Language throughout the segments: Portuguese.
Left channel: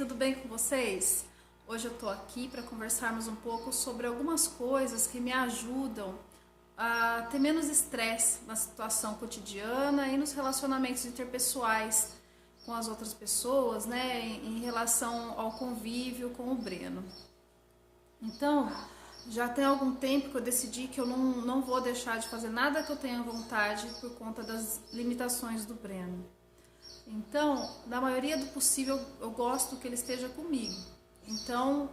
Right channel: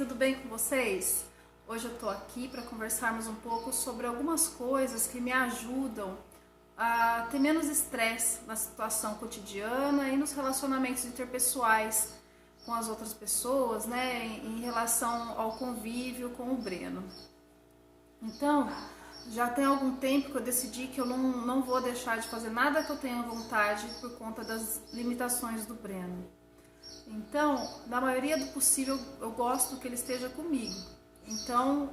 tudo bem com vocês? Hoje eu tô aqui para conversarmos um pouco sobre algumas coisas que me ajudam a ter menos estresse na situação cotidiana e nos relacionamentos interpessoais com as outras pessoas, né, em relação ao convívio com o Breno. Então, já tem algum tempo que eu decidi que eu não vou deixar de fazer nada que eu tenha vontade por conta das limitações do Breno. Então, na maioria do possível, eu gosto que ele esteja comigo. Então,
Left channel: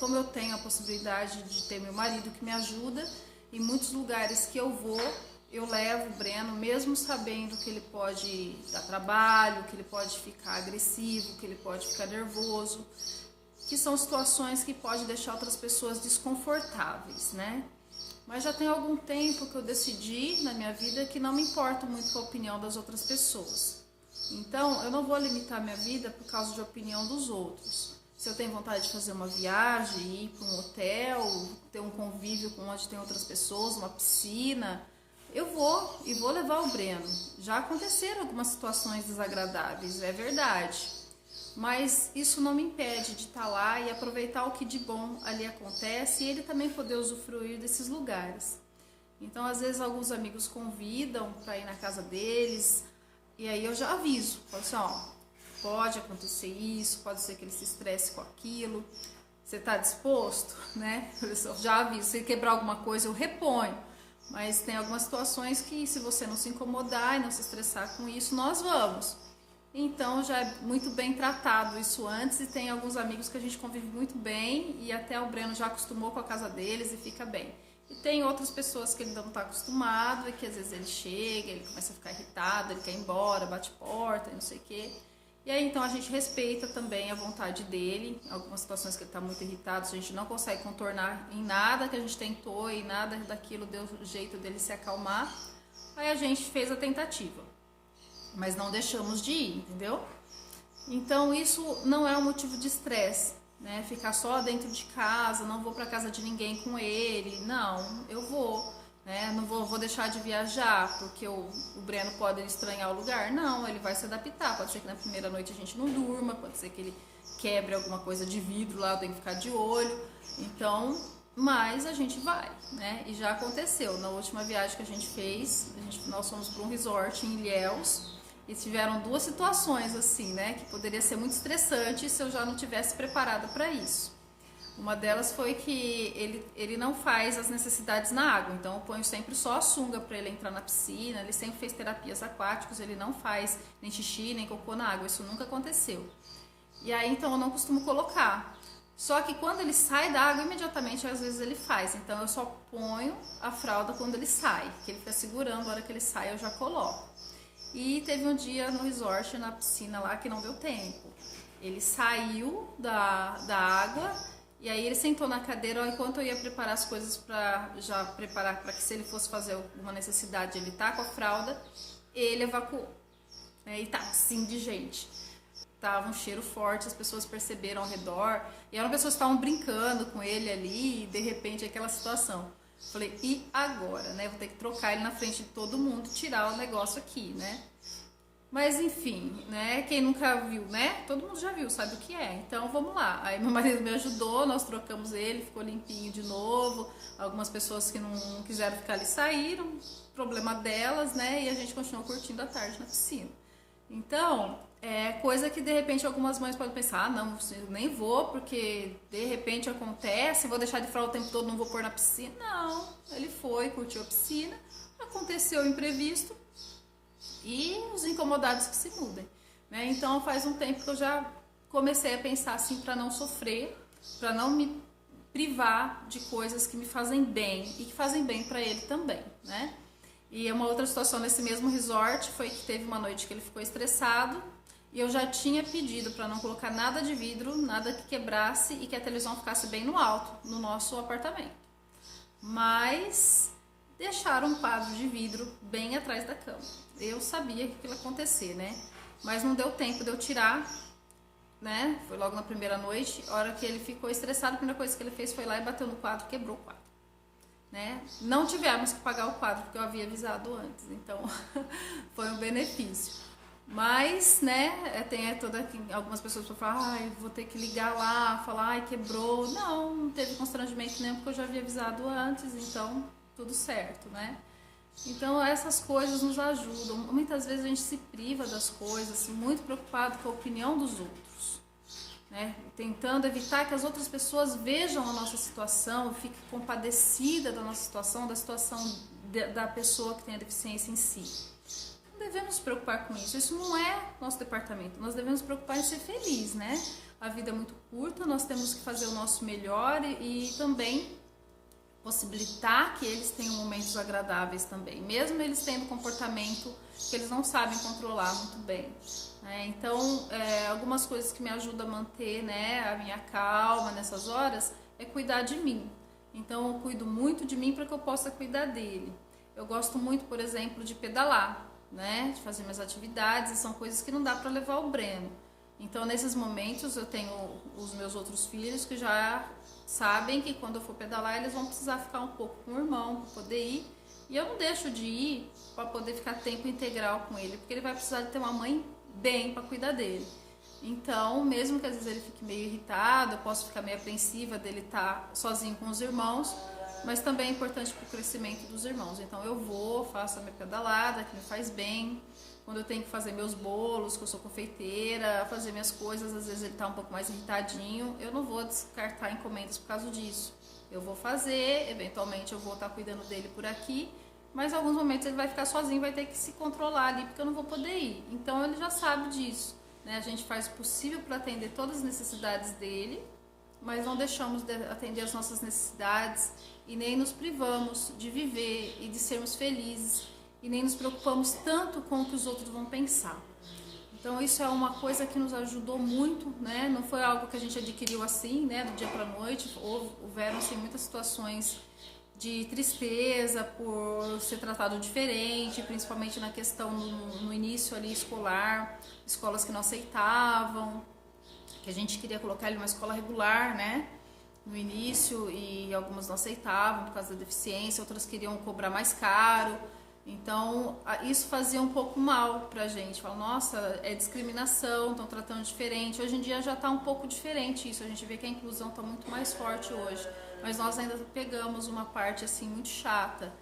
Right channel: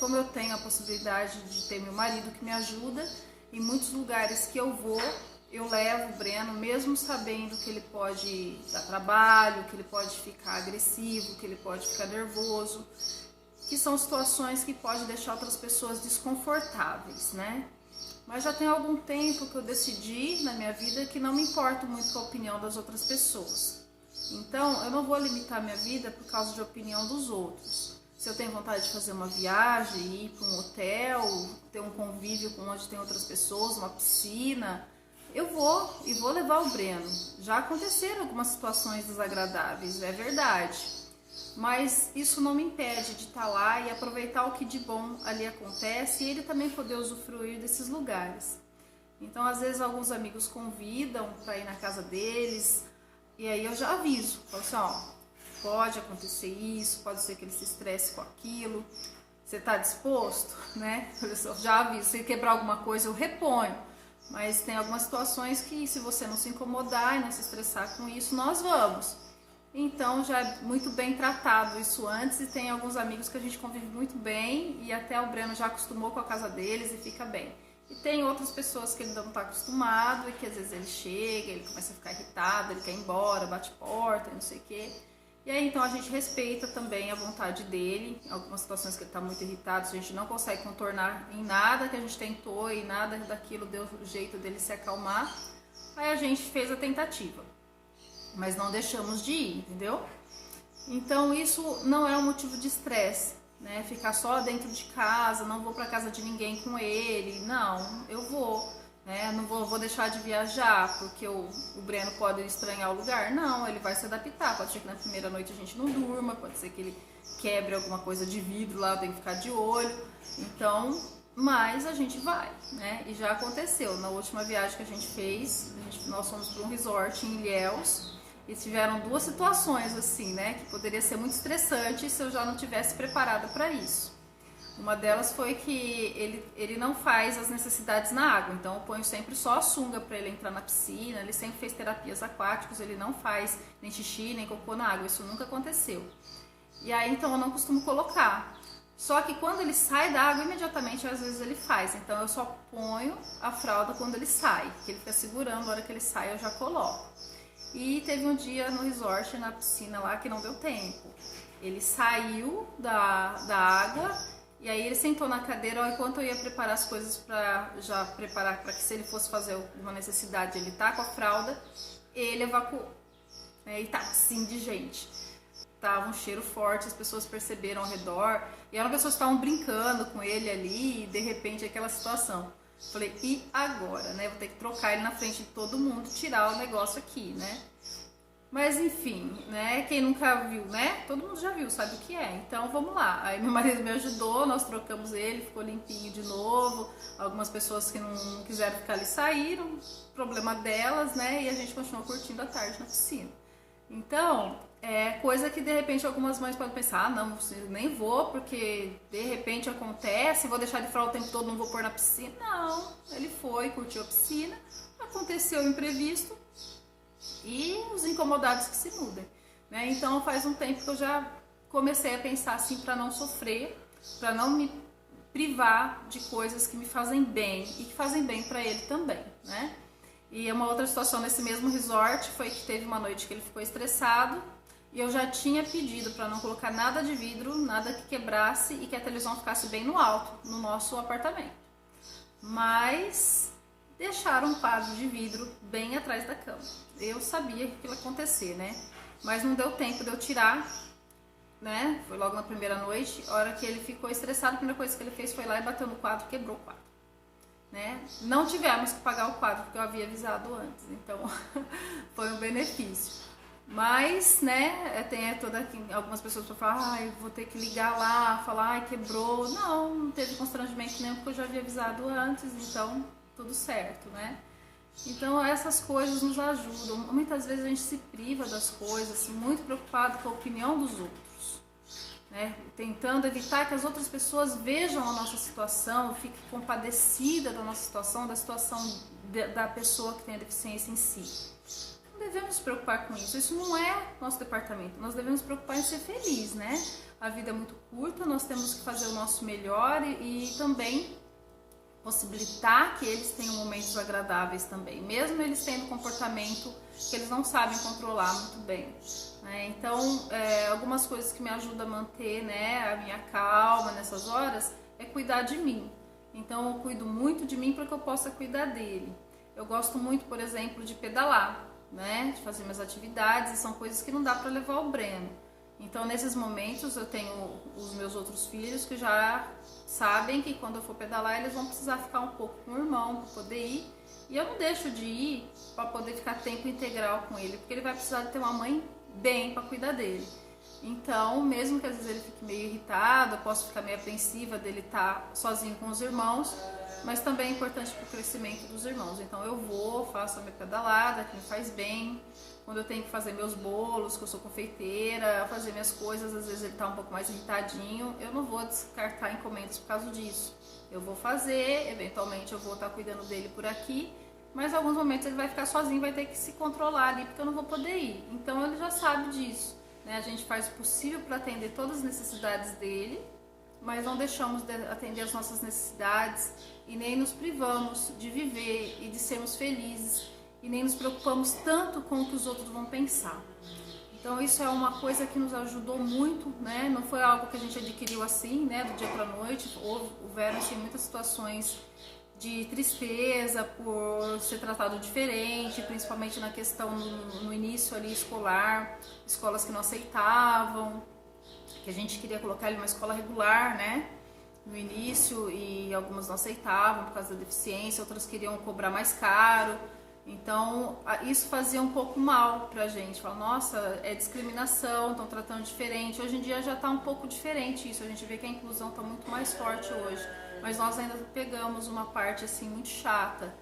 como eu tenho a possibilidade de ter meu marido que me ajuda, em muitos lugares que eu vou, eu levo o Breno, mesmo sabendo que ele pode dar trabalho, que ele pode ficar agressivo, que ele pode ficar nervoso, que são situações que podem deixar outras pessoas desconfortáveis, né? Mas já tem algum tempo que eu decidi na minha vida que não me importo muito com a opinião das outras pessoas. Então, eu não vou limitar minha vida por causa de opinião dos outros. Se eu tenho vontade de fazer uma viagem, ir para um hotel, ter um convívio com onde tem outras pessoas, uma piscina, eu vou e vou levar o Breno. Já aconteceram algumas situações desagradáveis, é verdade. Mas isso não me impede de estar lá e aproveitar o que de bom ali acontece e ele também poder usufruir desses lugares. Então, às vezes, alguns amigos convidam para ir na casa deles. E aí eu já aviso, falo assim, ó, pode acontecer isso, pode ser que ele se estresse com aquilo, você tá disposto, né? Eu já aviso, se quebrar alguma coisa eu reponho, mas tem algumas situações que se você não se incomodar e não se estressar com isso, nós vamos. Então já é muito bem tratado isso antes e tem alguns amigos que a gente convive muito bem e até o Breno já acostumou com a casa deles e fica bem. E tem outras pessoas que ele ainda não está acostumado e que às vezes ele chega, ele começa a ficar irritado, ele quer ir embora, bate porta, não sei o quê. E aí então a gente respeita também a vontade dele, algumas situações que ele está muito irritado, a gente não consegue contornar em nada que a gente tentou e nada daquilo deu jeito dele se acalmar. Aí a gente fez a tentativa, mas não deixamos de ir, entendeu? Então isso não é um motivo de estresse. Né, ficar só dentro de casa, não vou para casa de ninguém com ele, não, eu vou, né, não vou deixar de viajar porque o Breno pode estranhar o lugar, não, ele vai se adaptar, pode ser que na primeira noite a gente não durma, pode ser que ele quebre alguma coisa de vidro lá, tem que ficar de olho, então, mas a gente vai, né, e já aconteceu, na última viagem que a gente fez, nós fomos para um resort em Ilhéus. E tiveram duas situações assim, né, que poderia ser muito estressante se eu já não tivesse preparada para isso. Uma delas foi que ele não faz as necessidades na água, então eu ponho sempre só a sunga para ele entrar na piscina, ele sempre fez terapias aquáticas, ele não faz nem xixi, nem cocô na água, isso nunca aconteceu. E aí então eu não costumo colocar. Só que quando ele sai da água, imediatamente às vezes ele faz, então eu só ponho a fralda quando ele sai, que ele fica segurando, na hora que ele sai eu já coloco. E teve um dia no resort, na piscina lá, que não deu tempo. Ele saiu da água e aí ele sentou na cadeira, enquanto eu ia preparar as coisas para já preparar para que se ele fosse fazer uma necessidade, ele tá com a fralda, ele evacuou. E tá assim de gente. Tava um cheiro forte, as pessoas perceberam ao redor e eram pessoas que estavam brincando com ele ali e de repente aquela situação. Falei, e agora, né? Vou ter que trocar ele na frente de todo mundo, tirar o negócio aqui, né? Mas enfim, né? Quem nunca viu, né? Todo mundo já viu, sabe o que é. Então vamos lá. Aí meu marido me ajudou, nós trocamos ele, ficou limpinho de novo. Algumas pessoas que não quiseram ficar ali saíram, problema delas, né? E a gente continuou curtindo a tarde na piscina. Então, é coisa que de repente algumas mães podem pensar, ah, não, eu nem vou, porque de repente acontece, vou deixar de fralda o tempo todo, não vou pôr na piscina. Não, ele foi, curtiu a piscina, aconteceu o imprevisto e os incomodados que se mudem, né? Então faz um tempo que eu já comecei a pensar assim para não sofrer, para não me privar de coisas que me fazem bem e que fazem bem para ele também, né? E uma outra situação nesse mesmo resort foi que teve uma noite que ele ficou estressado e eu já tinha pedido para não colocar nada de vidro, nada que quebrasse e que a televisão ficasse bem no alto, no nosso apartamento. Mas deixaram um quadro de vidro bem atrás da cama. Eu sabia que aquilo ia acontecer, né? Mas não deu tempo de eu tirar, né? Foi logo na primeira noite. A hora que ele ficou estressado, a primeira coisa que ele fez foi lá e bateu no quadro, quebrou o quadro. Né? Não tivemos que pagar o quadro porque eu havia avisado antes, então foi um benefício. Mas, né, algumas pessoas que falam, ai, vou ter que ligar lá, falar, ai, quebrou. Não teve constrangimento nenhum, porque eu já havia avisado antes, então tudo certo, né? Então essas coisas nos ajudam. Muitas vezes a gente se priva das coisas, muito preocupado com a opinião dos outros, né? Tentando evitar que as outras pessoas vejam a nossa situação, fiquem compadecida da nossa situação, da situação da pessoa que tem a deficiência em si. Não devemos nos preocupar com isso. Isso não é nosso departamento. Nós devemos nos preocupar em ser feliz, né? A vida é muito curta, nós temos que fazer o nosso melhor e também possibilitar que eles tenham momentos agradáveis também, mesmo eles tendo comportamento que eles não sabem controlar muito bem, né? Então, algumas coisas que me ajudam a manter, né, a minha calma nessas horas é cuidar de mim. Então, eu cuido muito de mim para que eu possa cuidar dele. Eu gosto muito, por exemplo, de pedalar, né, de fazer minhas atividades, e são coisas que não dá para levar o Breno. Então, nesses momentos, eu tenho os meus outros filhos que já sabem que quando eu for pedalar, eles vão precisar ficar um pouco com o irmão para poder ir. E eu não deixo de ir para poder ficar tempo integral com ele, porque ele vai precisar de ter uma mãe bem para cuidar dele. Então, mesmo que às vezes ele fique meio irritado, eu posso ficar meio apreensiva dele estar sozinho com os irmãos, mas também é importante para o crescimento dos irmãos. Então, eu vou, faço a minha pedalada, que me faz bem. Quando eu tenho que fazer meus bolos, que eu sou confeiteira, fazer minhas coisas, às vezes ele está um pouco mais irritadinho, eu não vou descartar encomendas por causa disso. Eu vou fazer, eventualmente eu vou estar cuidando dele por aqui, mas em alguns momentos ele vai ficar sozinho, vai ter que se controlar ali, porque eu não vou poder ir. Então ele já sabe disso, né? A gente faz o possível para atender todas as necessidades dele, mas não deixamos de atender as nossas necessidades e nem nos privamos de viver e de sermos felizes e nem nos preocupamos tanto com o que os outros vão pensar. Então isso é uma coisa que nos ajudou muito, né? Não foi algo que a gente adquiriu assim, né, do dia para a noite. Houveram assim, muitas situações de tristeza por ser tratado diferente, principalmente na questão no início ali escolar, escolas que não aceitavam, que a gente queria colocar ele numa escola regular, né, no início, e algumas não aceitavam por causa da deficiência, outras queriam cobrar mais caro. Então, isso fazia um pouco mal pra gente. Fala, nossa, é discriminação, estão tratando diferente. Hoje em dia já está um pouco diferente isso. A gente vê que a inclusão está muito mais forte hoje. Mas nós ainda pegamos uma parte assim muito chata.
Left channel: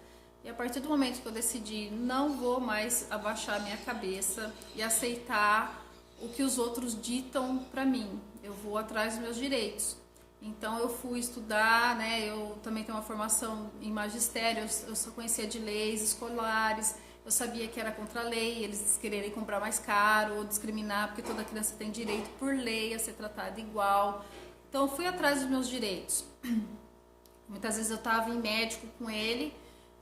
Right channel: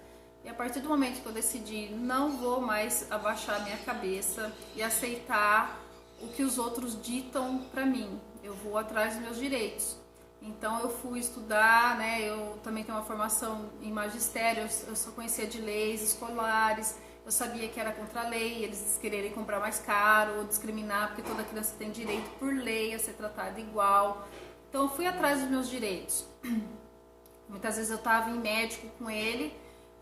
E a partir do momento que eu decidi, não vou mais abaixar a minha cabeça e aceitar o que os outros ditam pra mim. Eu vou atrás dos meus direitos. Então eu fui estudar, né? Eu também tenho uma formação em magistério, eu só conhecia de leis escolares, eu sabia que era contra a lei, eles quererem comprar mais caro ou discriminar, porque toda criança tem direito por lei a ser tratada igual. Então eu fui atrás dos meus direitos. Muitas vezes eu estava em médico com ele,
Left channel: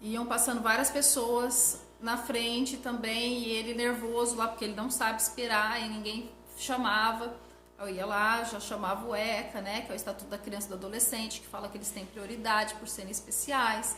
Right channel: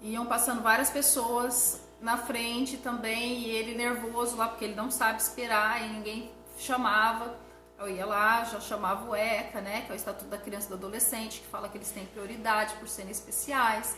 iam passando várias pessoas na frente também, e ele nervoso lá, porque ele não sabe esperar e ninguém chamava. Eu ia lá, já chamava o ECA, né, que é o Estatuto da Criança e do Adolescente, que fala que eles têm prioridade por serem especiais.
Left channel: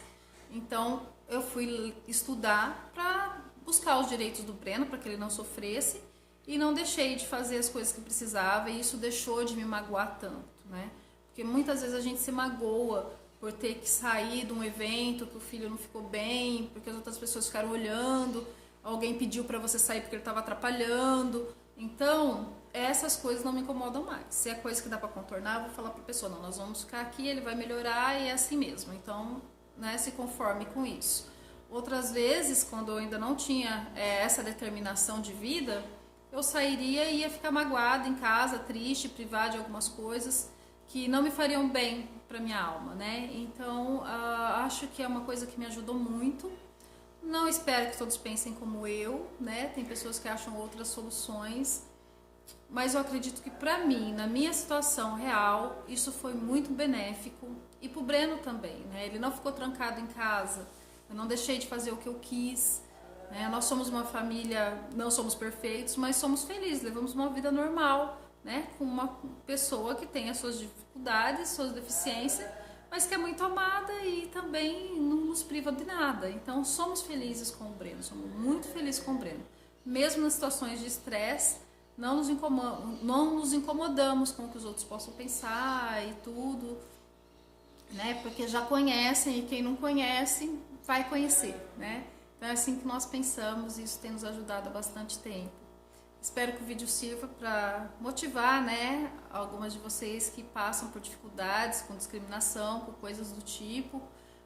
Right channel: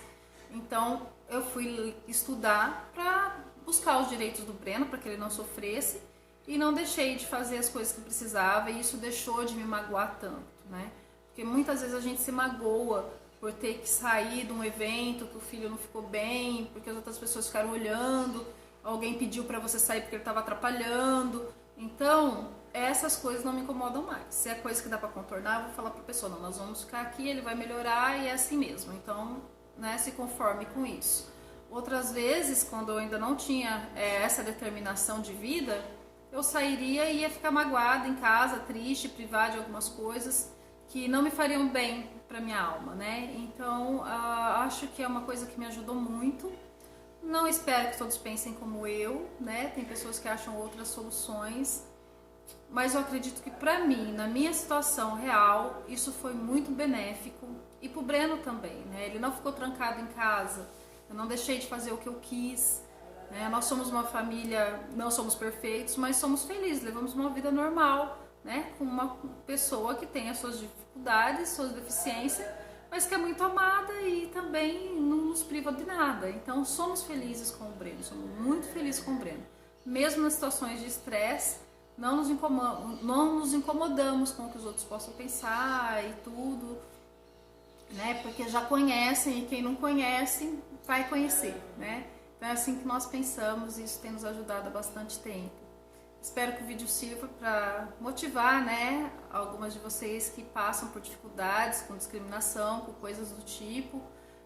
Então, eu fui estudar para buscar os direitos do Breno, para que ele não sofresse, e não deixei de fazer as coisas que precisava, e isso deixou de me magoar tanto, né? Porque muitas vezes a gente se magoa por ter que sair de um evento, que o filho não ficou bem, porque as outras pessoas ficaram olhando, alguém pediu para você sair porque ele estava atrapalhando. Então, essas coisas não me incomodam mais. Se é coisa que dá para contornar, eu vou falar para a pessoa, não, nós vamos ficar aqui, ele vai melhorar e é assim mesmo. Então, né, se conforme com isso. Outras vezes, quando eu ainda não tinha essa determinação de vida, eu sairia e ia ficar magoada em casa, triste, privada de algumas coisas que não me fariam bem para minha alma, né? Então, acho que é uma coisa que me ajudou muito. Não espero que todos pensem como eu, né? Tem pessoas que acham outras soluções, mas eu acredito que para mim, na minha situação real, isso foi muito benéfico, e pro Breno também, né? Ele não ficou trancado em casa, eu não deixei de fazer o que eu quis, né? Nós somos uma família, não somos perfeitos, mas somos felizes, levamos uma vida normal, né? Com uma pessoa que tem as suas dificuldades, suas deficiências, mas que é muito amada e também não nos priva de nada. Então somos felizes com o Breno, somos muito felizes com o Breno. Mesmo nas situações de estresse, não nos incomodamos com o que os outros possam pensar e tudo, né? Porque já conhecem, e quem não conhece vai conhecer, né? Então é assim que nós pensamos, e isso tem nos ajudado há bastante tempo. Espero que o vídeo sirva para motivar, né, algumas de vocês que passam por dificuldades com discriminação, com coisas do tipo,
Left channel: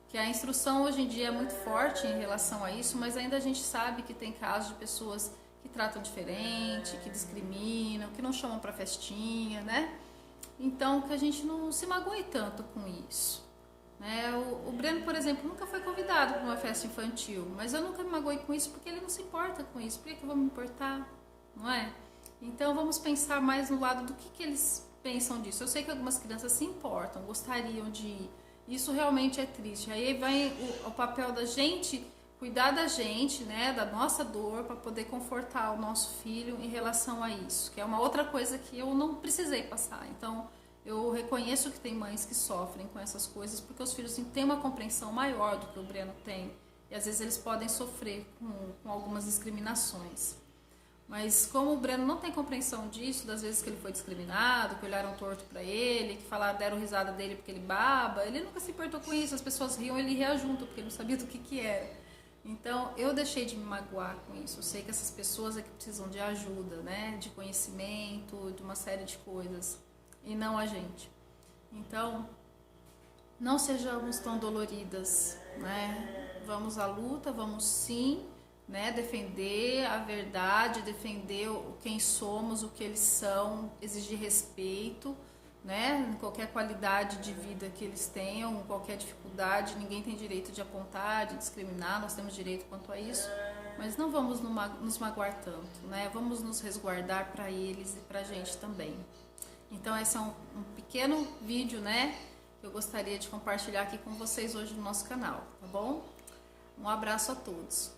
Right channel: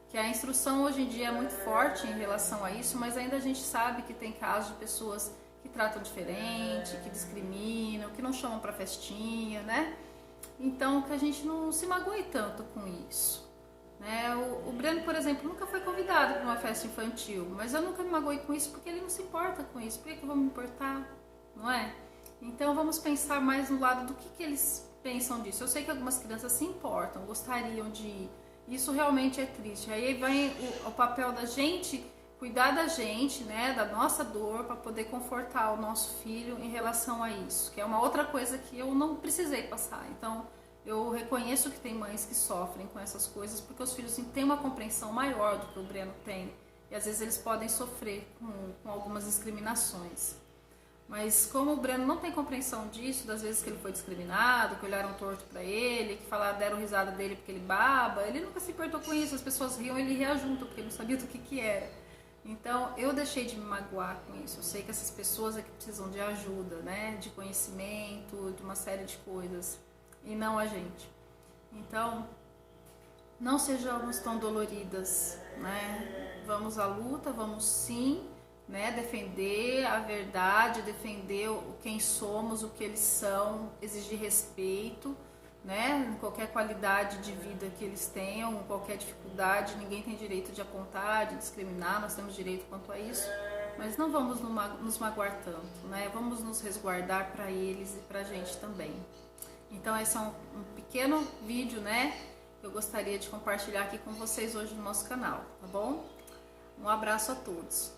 que a instrução hoje em dia é muito forte em relação a isso, mas ainda a gente sabe que tem casos de pessoas que tratam diferente, que discriminam, que não chamam para festinha, né? Então, que a gente não se magoe tanto com isso. Né? O Breno, por exemplo, nunca foi convidado para uma festa infantil, mas eu nunca me magoei com isso porque ele não se importa com isso. Por que eu vou me importar? Não é? Então, vamos pensar mais no lado do que eles pensam disso. Eu sei que algumas crianças se importam, gostariam de ir. Isso realmente é triste. Aí vem o papel da gente cuidar da gente, né, da nossa dor, para poder confortar o nosso filho em relação a isso, que é uma outra coisa que eu não precisei passar. Então, eu reconheço que tem mães que sofrem com essas coisas porque os filhos têm uma compreensão maior do que o Breno tem. E às vezes eles podem sofrer com algumas discriminações. Mas como o Breno não tem compreensão disso, das vezes que ele foi discriminado, que olharam torto pra ele, que falaram, deram risada dele porque ele baba, ele nunca se importou com isso. As pessoas riam, ele ria junto, porque ele não sabia do que era. Então, eu deixei de me magoar com isso. Eu sei que essas pessoas é que precisam de ajuda, né? De conhecimento, de uma série de coisas. E não a gente. Então, não sejamos tão doloridas, né? Vamos à luta, vamos sim, né? Defender a verdade, defender quem somos, o que eles são, exigir respeito, né? Em qualquer qualidade de vida que eles tenham, qualquer dificuldade, ninguém tem direito de apontar, de discriminar, nós temos direito quanto a isso, mas não vamos nos magoar tanto, né? Vamos nos resguardar para eles e para a gente também. Então esse é um pequeno vídeo, né, que eu gostaria de compartilhar aqui com vocês hoje no nosso canal, tá bom? Um abraço a todos.